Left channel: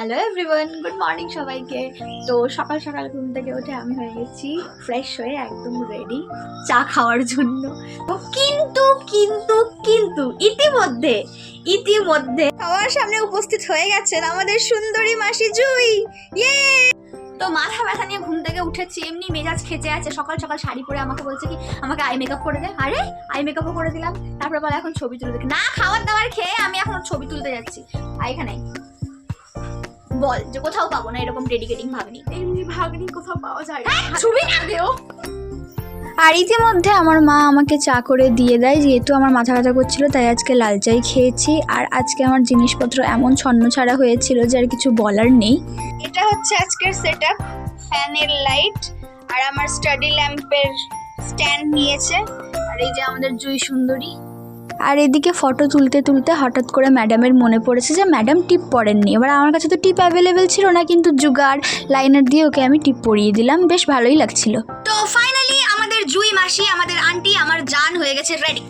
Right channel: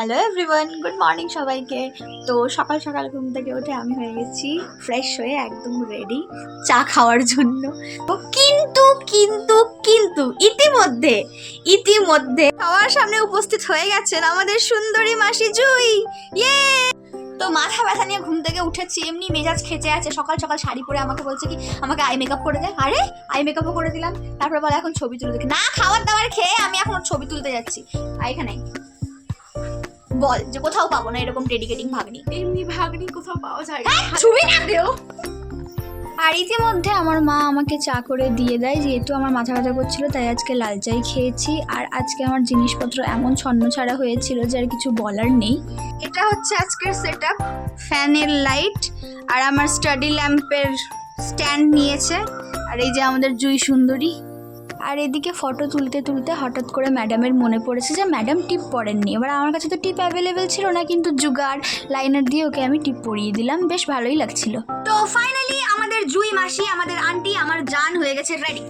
Hello everyone, good morning সবাইকে। তো সকাল সকাল ঘুম থেকে উঠে আমি হয়ে গেছি ফ্রেশ হয়ে একদম রেডি চা খাওয়ার জন্য। তো কিন্তু কিন্তু কিন্তু ইতিমধ্যে ইতিমধ্যে খাওয়ার সামনে উপস্থিত হয়ে গেছেন আমাদের সুন্দরী মাসি জুই। ইয়ে! তো মাথা ব্যথা নিয়ে ঘুম থেকে উঠেছি, এমনি মেজাজ খেচে আছে। সকাল সকাল শাড়ি পরে আমাকে বলছে কি আমাকে আই মেকআপ করে দে। আরে আই মেকআপও করে দিলাম। তারপরে বলে এখন ছবি তুলে দেখি না, খাবার দাবার খেয়ে আমি এখন ছবি তুলতে যাচ্ছি। আর এখানে বল যে কোথাও পাবো না এরকম ডেডিকেটিং ভাগ্নি। এমনি ভাগ্নি কোথাও পাওয়া যায় না। ছবি না দেও। আর ইতিমধ্যে আমার মা আমাকে চা করে দিয়ে দেয়, যেহেতু আমার মাথা ব্যথা করছিল তাই আজকে লাল চাই খেয়েছি। আর আজকে আমার জিনিসপত্র এমন ছন্ন ছাড়া হয়েছিল যে আর কিছু বলার নেই। এটা হচ্ছে আজকের সেটআপ, ফ্যানের লাইট আর আমার স্টাডি ল্যাম্পের স্ট্যান্ড নিয়েছে। আর এই যে আমাদের জুই সুন্দরী। আর এদিকে ফটো তুলতে তুলতে হঠাৎ করে ম্যাডামের মনে পড়েছে যে ম্যাডাম টিপ পরেননি। এবার আমার কাছে তো টিপ অ্যাভেলেবেল ছিল না, কিন্তু জুগাড় লাইনার দিয়ে ওকে আমি টিপ পরিয়ে দিলাম, বেশ ভালোই লাগছিল। তো ফাইনালি আমাদের জুই মাসি, আমাদের আন্টি, আমার জান হয়ে গেছে রেডি।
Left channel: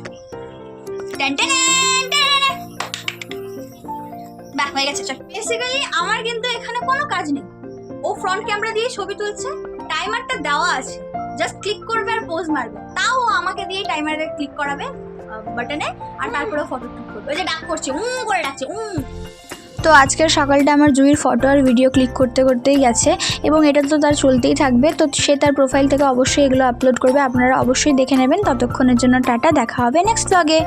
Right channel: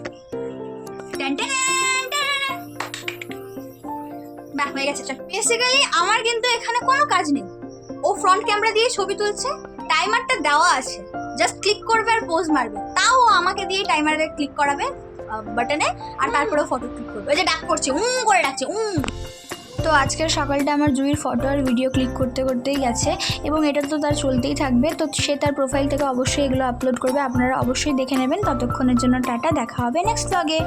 বাহ, হয়ে গেছে। বেসিক্যালি আমার কিন্তু এখানে কোনো কাজ নেই। ও ফ্রন্ট ক্যামেরা দিয়ে ছবি তুলছে, টাইমারটা দেওয়া আছে, জাস্ট ক্লিক করবে আর পোজ মারবে। তাও ও আমাকে দিয়ে টাইমারে ক্লিক করাবে বাটনে, আর তারপরে ফটো ক্লিক করবে। ওই যে ডাক করছে, করে ডাকছে। তো আজকের সকালটা আমার জুইয়ের ফটো আর ভিডিও ক্লিক করতে করতেই গেছে, এবং এটা তো তার চলতেই থাকবে। তো সে তার প্রোফাইল থেকে অবশ্যই এগুলো আপলোড করবে, আপনারা অবশ্যই দেখে নেবেন। ততক্ষণের জন্য টাটা, দেখা হবে নেক্সট ব্লগে।